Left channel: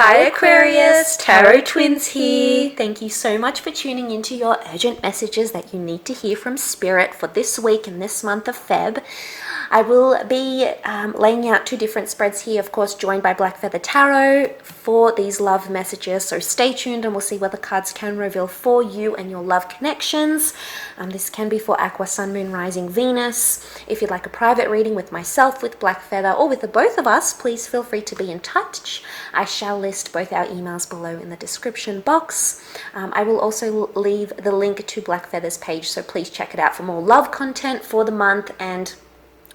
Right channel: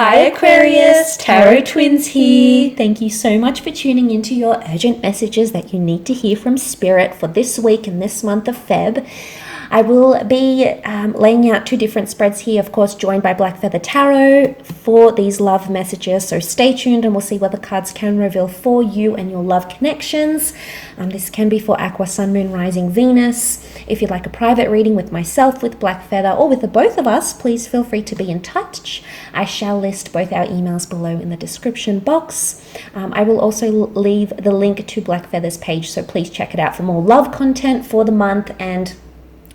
Hi Aquarius, Tarot Twins here. Thank you so much for tuning into your urgent messages that you need to hear from Spirit for this week and this month of Feb. I will be laying out two different spreads here, of course, joined by Black Feather Tarot for these love messages. So stay tuned and we'll see what the cards can reveal for you and your love connections. This can be for Aqua, Sun, Moon, Rising, Venus. If you'd like a private reading with myself, with Black Feather, or with the both of us, please feel free to be in touch. I shall list both our emails below in the description box. I will also leave the link to Black Feather's page, so please check it out for more love content for the month and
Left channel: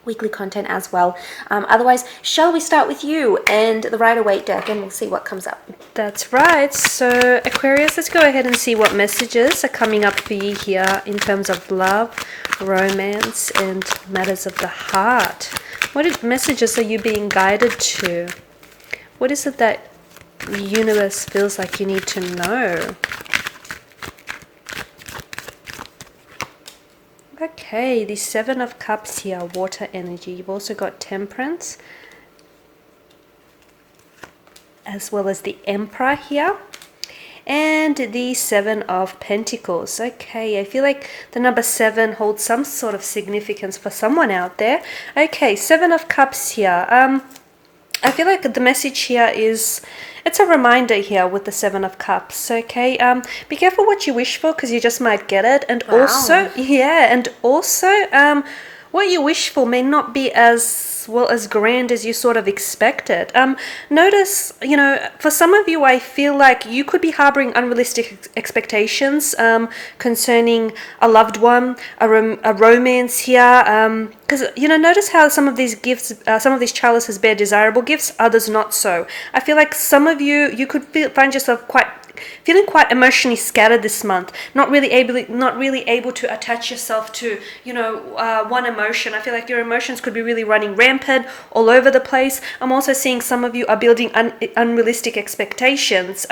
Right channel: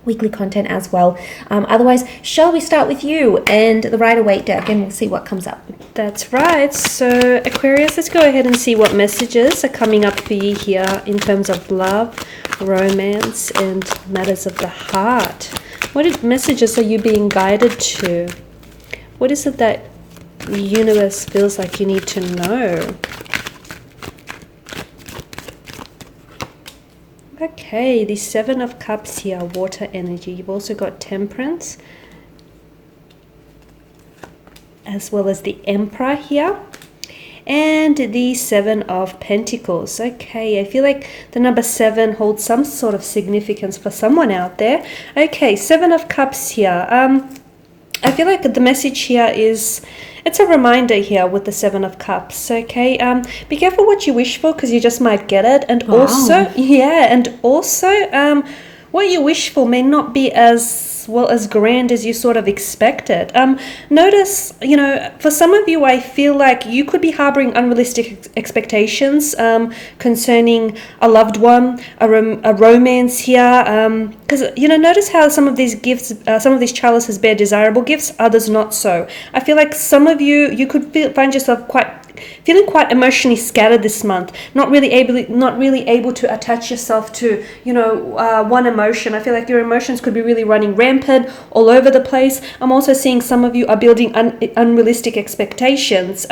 weekly content as well. Otherwise, shall we start with you and the Rider-Waite deck, and we'll see what comes up. That's right. So Aquarius, let's go ahead and see what messages are coming up for you here in terms of love, romance, and matters of the heart. What messages are you being guided to? What is it that the universe feels like you need to know? Okay, the Seven of Cups here, water energy. You've also got Temperance, as well as the Emperor here, and the Seven of Pentacles. Okay, I feel like the number 7 holds some sort of significance for someone out there. Okay, Seven of Cups here. I feel like the message here is, it's a reminder here with the Seven of Cups, okay? Be careful what you wish for, because you just might get it. And also, what you wish for may not be as grand as you sort of expected. Notice, for some of you, I feel like you could be harboring unrealistic expectations concerning a loved one, a romance here. Because, notice how some of these gifts, some of these chalices bear desirable gifts, others not so. I feel like some of you could find yourself feeling quite emotionally scattered this month, not really able to attach yourself to, one emotion. I feel like your emotions could be really running rampant all over the place. I'm also seeing some of you are building unrealistic expectations.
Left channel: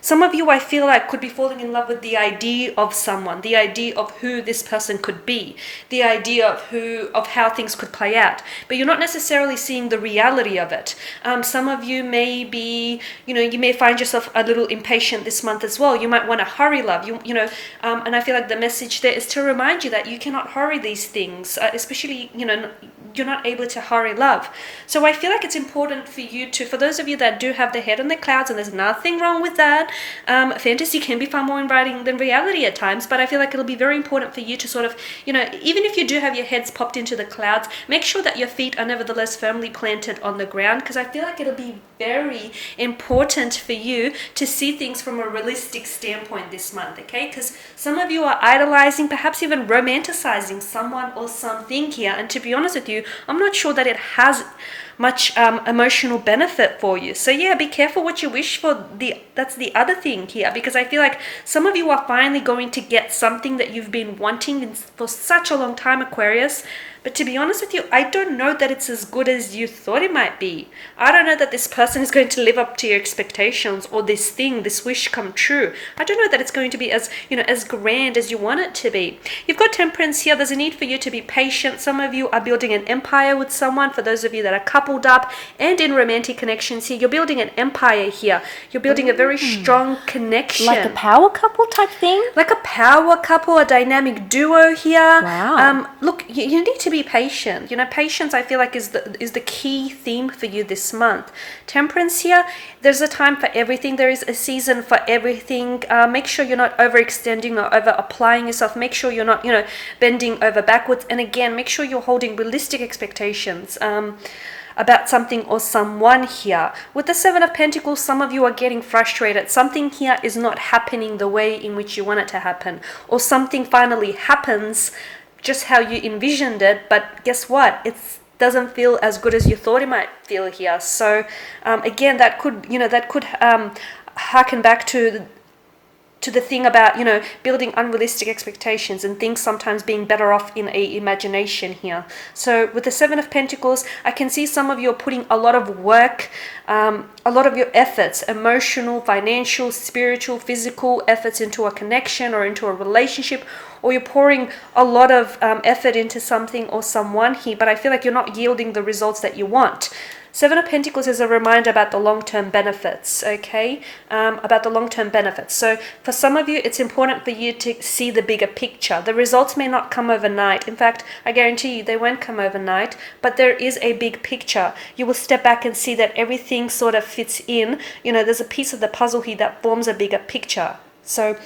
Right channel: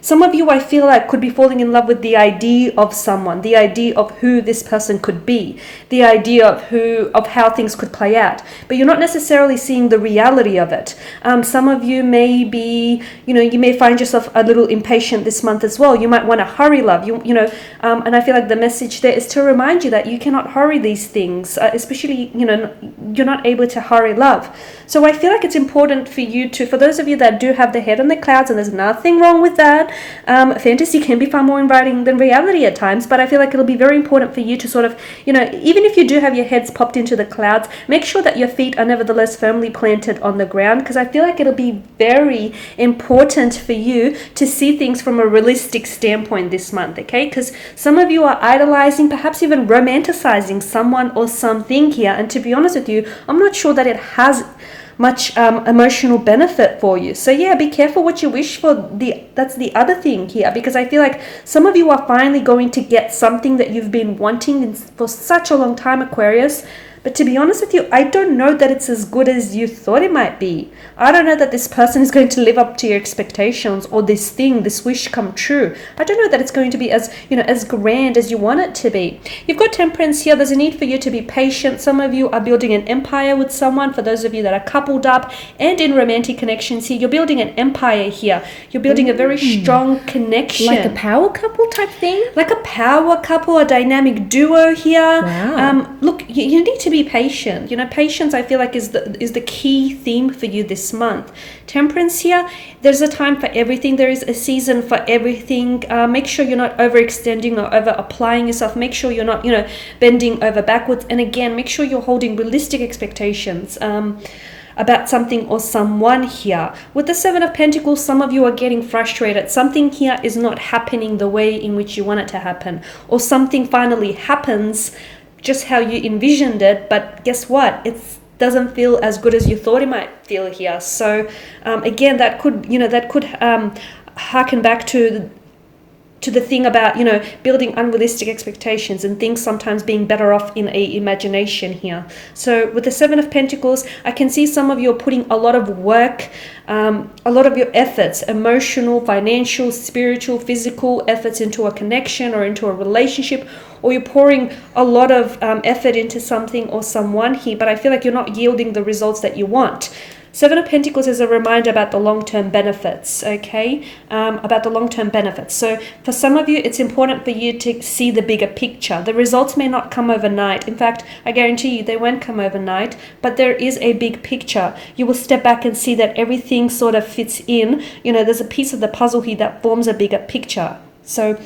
Some of you, I feel like, could be falling in love with the idea of someone, the idea of who this person could be, the idea of how things could play out. But you're not necessarily seeing the reality of it. Some of you may be, you may find yourself a little impatient this month as well. You might want to hurry love, and I feel like the message there is to remind you that you cannot hurry these things, especially, you're not able to hurry love. So I feel like it's important for you for those of you that do have the head on the clouds, and there's nothing wrong with that. Fantasy can be far more inviting than reality at times, but I feel like it'll be very important for you to sort of, even if you do have your heads popped into the clouds, make sure that your feet are nevertheless firmly planted on the ground, because I feel like it'll be very important for you to see things from a realistic standpoint this month, okay? Because some of you are idolizing, perhaps even romanticizing someone or something here, and to be honest with you, I'm not sure that it has much emotional benefit for you. So yeah, be careful what you wish for. That's the other thing here, because I feel like some of you are finally going to get something that you've been wanting for such a long time, Aquarius. But to be honest with you, I don't know that it's as good as you thought it might be. I don't know that this person is going to live up to your expectations, or this wish come true. I don't know that it's going to be as grand as you want it to be. You've got Temperance here. There's a need for you to be patient. Some of you are building an empire with someone. For those of you that are coupled up and in romantic connections here, you're building an empire here. You're building a very strong connection. Like a power couple type thing? Like a power couple, a dynamic duo here. Wow. Look, you need to be patient. Patience, I feel like, is the key theme for you this month. Temperance here, there's a time for everything. There is a season for everything. Make sure you're not overextending or over applying yourself. Make sure you're not, bending over backwards. And again, make sure you're holding realistic expectations about something or someone here. With the Seven of Pentacles, some of you are getting frustrated. Something here is not happening the way in which you want it to happen, or something finally happens just how you envisioned it, but guess what? It doesn't feel as good as you thought it might feel here. So again, that could harken back to the thing about building unrealistic expectations and things sometimes being better off in a imagination here. So with the Seven of Pentacles, I can see some of you are putting a lot of work, a lot of your efforts, emotional, financial, spiritual, physical efforts into a connection or into a relationship, or you're pouring a lot of effort into something or someone here, but I feel like you're not yielding the results that you want. Seven of Pentacles is a reminder about the long-term benefits, okay? About the long-term benefits. So for some of you, it's important for you to see the bigger picture. The results may not come overnight. In fact, I guarantee you they won't come overnight, but there is a big picture. You will step back and see that everything sort of fits in. You know, there's a piece of the puzzle here that forms a bigger picture. So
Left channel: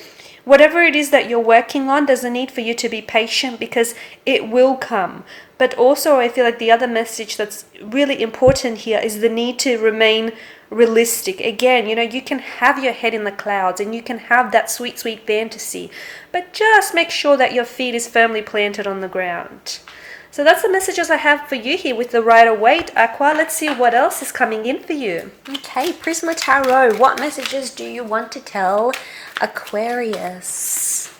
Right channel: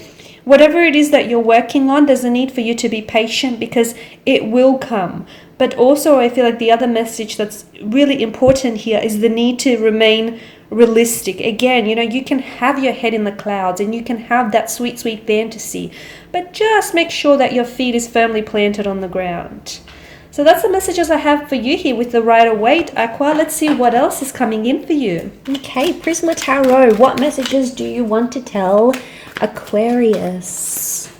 whatever it is that you're working on, there's a need for you to be patient because it will come. But also I feel like the other message that's really important here is the need to remain realistic. Again, you know, you can have your head in the clouds and you can have that sweet, sweet fantasy, but just make sure that your feet is firmly planted on the ground. So that's the messages I have for you here with the Rider-Waite, Aqua. Let's see what else is coming in for you. Okay, Prisma Tarot, what messages do you want to tell Aquarius?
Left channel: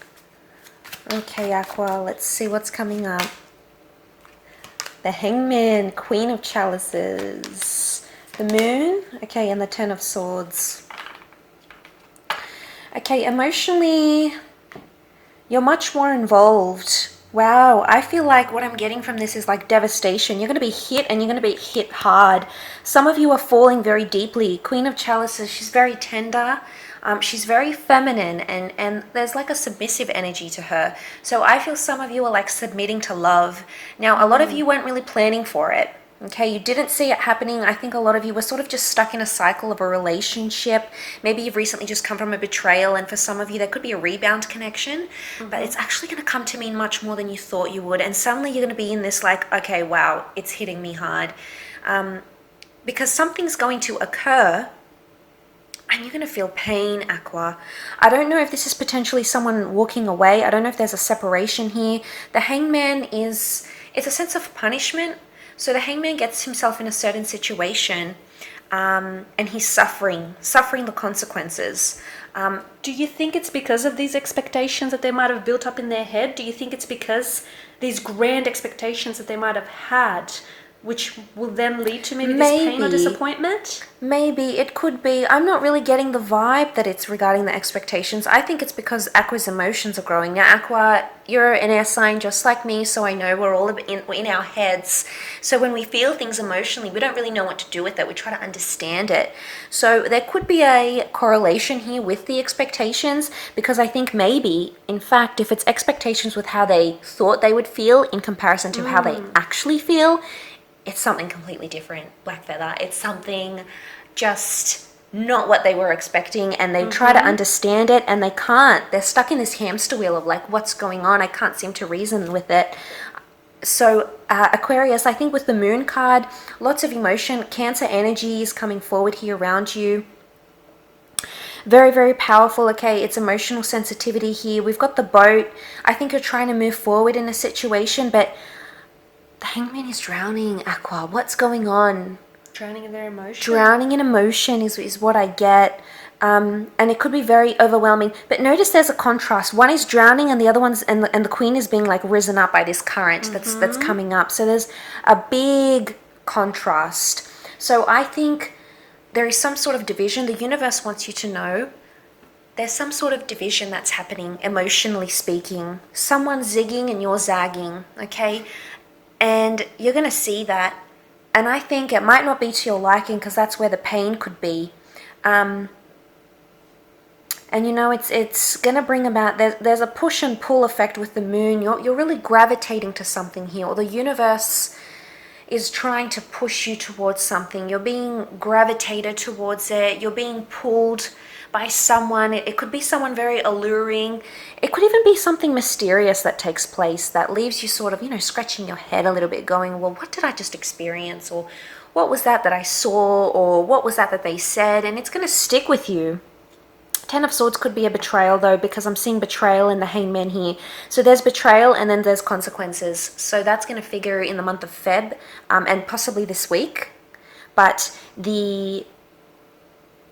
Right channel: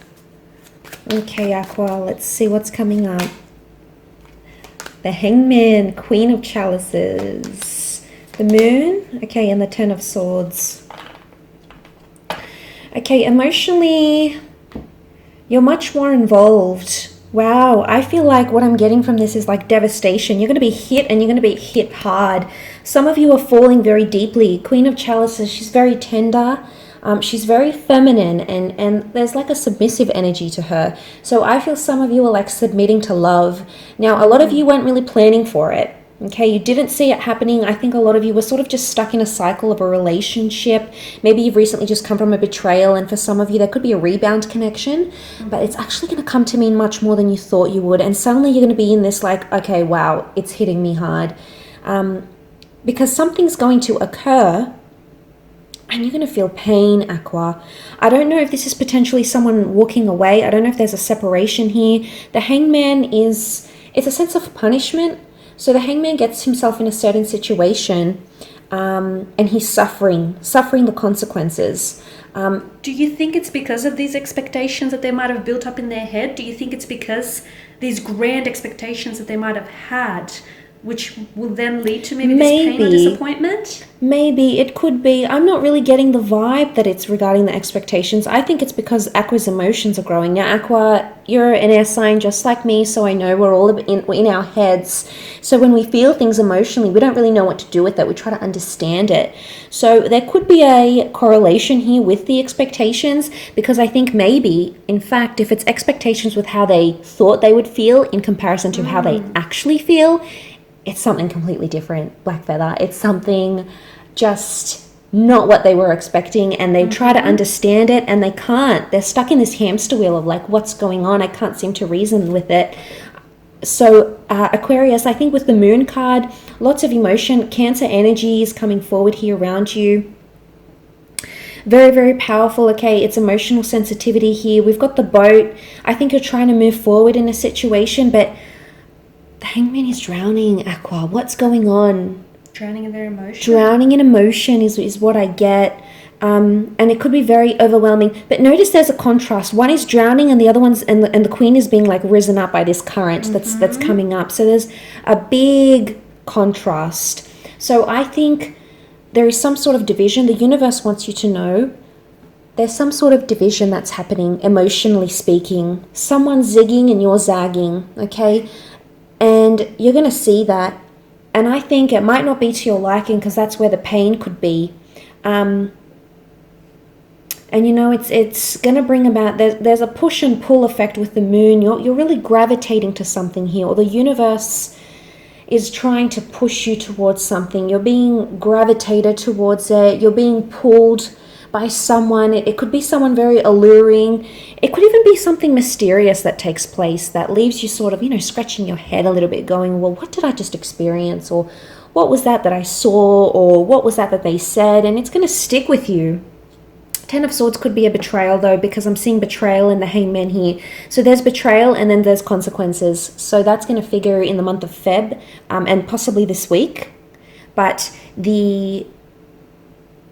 Okay, Aqua, let's see what's coming up. The Hangman, Queen of Chalices, the Moon, okay, and the Ten of Swords. Okay, emotionally, you're much more involved. Wow, I feel like what I'm getting from this is like devastation. You're going to be hit and you're going to be hit hard. Some of you are falling very deeply. Queen of Chalices, she's very tender. She's very feminine and there's like a submissive energy to her. So I feel some of you are like submitting to love. Now, a lot of you weren't really planning for it. Okay, you didn't see it happening. I think a lot of you were sort of just stuck in a cycle of a relationship. Maybe you've recently just come from a betrayal, and for some of you there could be a rebound connection, but it's actually going to come to mean much more than you thought you would. And suddenly you're going to be in this like, okay, wow, it's hitting me hard. Because something's going to occur and you're going to feel pain, Aqua. I don't know if this is potentially someone walking away. I don't know if there's a separation here. The Hangman it's a sense of punishment. So the Hangman gets himself in a certain situation and he's suffering the consequences. Do you think it's because of these expectations that they might have built up in their head? Do you think it's because these grand expectations that they might have had, which will then lead to maybe this pain or disappointment? Maybe, it could be. I'm not really getting the vibe that it's regarding the expectations. I think it's because Aqua's emotions are growing. Now, Aqua, you're an air sign just like me, so I know we're all in our heads. So when we feel things emotionally, we don't really know what to do with it. We try to understand it. So there could be a correlation here with the expectations, because I think maybe, in fact, if it's expectations with how they thought they would feel in comparison to how they actually feel, it's something completely different, Black Feather. It's something just not what they were expecting, and they try to understand it and they can't. They're stuck in this hamster wheel of like, what's going on? I can't seem to reason with it. So Aquarius, I think with the Moon card, lots of emotion, Cancer energies coming forward here around you. Very, very powerful. Okay, it's emotional sensitivity here. We've got the Boat. I think you're trying to move forward in a situation, but the Hangman is drowning, Aqua. What's going on? Drowning in their emotion. Drowning in emotion is what I get. And it could be very overwhelming. But notice there's a contrast. One is drowning and the other one's, and the Queen is being like risen up by this current that's coming up. So there's a big contrast. So I think there is some sort of division. The universe wants you to know there's some sort of division that's happening, emotionally speaking. Someone's zigging and you're zagging, okay? And you're going to see that. And I think it might not be to your liking, because that's where the pain could be. And you know, it's going to bring about, there's a push and pull effect with the Moon. You're really gravitating to something here, or the universe is trying to push you towards something. You're being gravitated towards it. You're being pulled by someone. It could be someone very alluring. It could even be something mysterious that takes place that leaves you sort of, you know, scratching your head a little bit, going, well, what did I just experience? Or what was that I saw? Or what was that they said? And it's going to stick with you. Ten of Swords could be a betrayal, though, because I'm seeing betrayal in the Hangman here. So there's betrayal and then there's consequences. So that's going to figure in the month of Feb and possibly this week. But the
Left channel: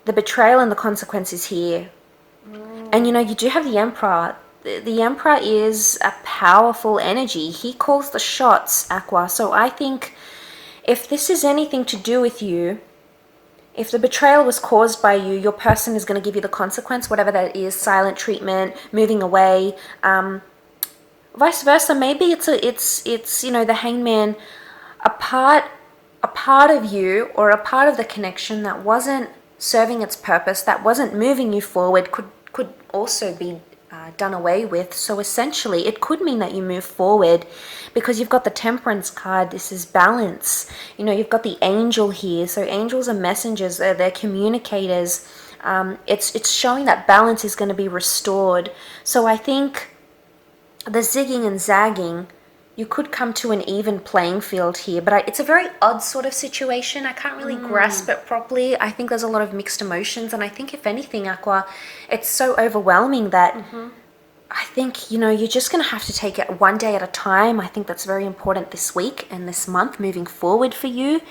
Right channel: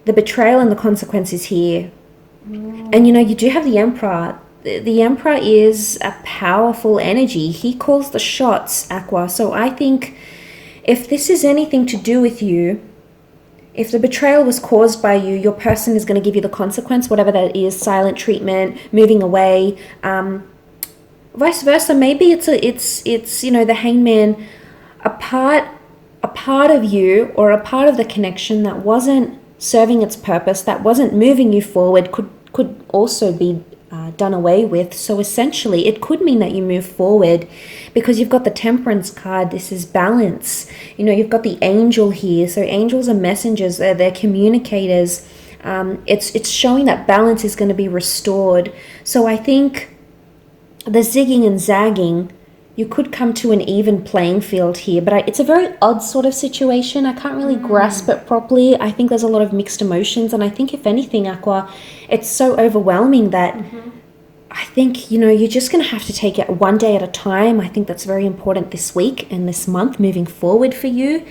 betrayal and the consequences here. And you know, you do have the Emperor. The Emperor is a powerful energy. He calls the shots, Aqua. So I think if this is anything to do with you, if the betrayal was caused by you, your person is going to give you the consequence, whatever that is, silent treatment, moving away, vice versa. Maybe it's you know, the Hangman, a part a part of you or a part of the connection that wasn't serving its purpose, that wasn't moving you forward, could also be done away with. So essentially, it could mean that you move forward because you've got the Temperance card. This is balance. You know, you've got the angel here. So angels are messengers. They're communicators. It's showing that balance is going to be restored. So I think the zigging and zagging, you could come to an even playing field here, but it's a very odd sort of situation. I can't really grasp it properly. I think there's a lot of mixed emotions, and I think if anything, Aqua, it's so overwhelming that I think, you know, you're just going to have to take it one day at a time. I think that's very important this week and this month moving forward for you.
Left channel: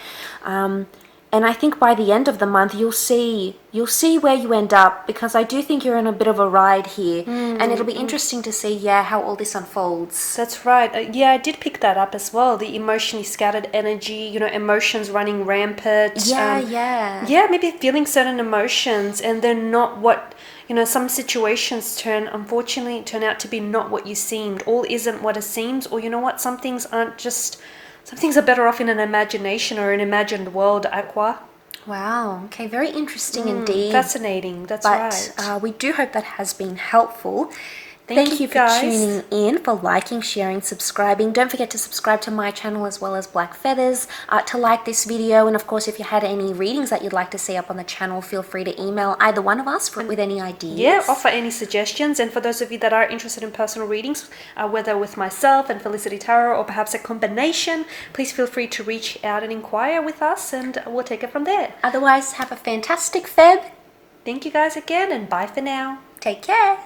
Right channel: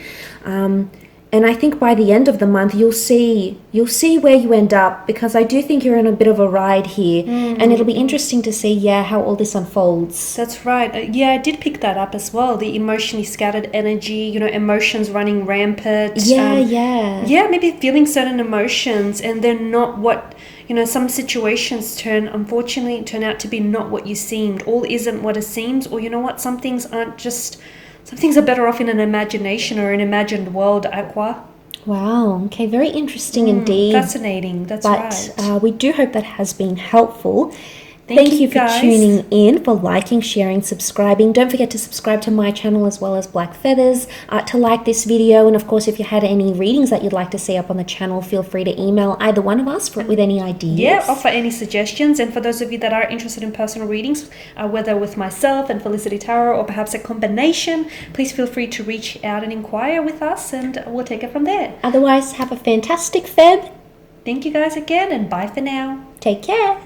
And I think by the end of the month, you'll see where you end up, because I do think you're in a bit of a ride here, and it'll be interesting to see, how all this unfolds. That's right. Yeah, I did pick that up as well. The emotionally scattered energy, you know, emotions running rampant. Yeah. Maybe feeling certain emotions and then not what, you know, some situations unfortunately turn out to be not what you seemed. All isn't what it seems, or you know what, some things are better off in an imagination or an imagined world, Aqua. Wow. Okay. Very interesting indeed. Fascinating. That's right. But we do hope that has been helpful. Thank you for guys. tuning in, for liking, sharing, subscribing. Don't forget to subscribe to my channel as well as Black Feathers, to like this video. And of course, if you had any readings that you'd like to see up on the channel, feel free to email either one of us with any ideas. Yeah, offer any suggestions. And for those of you that are interested in personal readings, whether with myself and Felicity Tarot or perhaps a combination, please feel free to reach out and inquire with us, and we'll take it from there. Otherwise, have a fantastic Feb. Thank you guys again, and bye for now. Take care.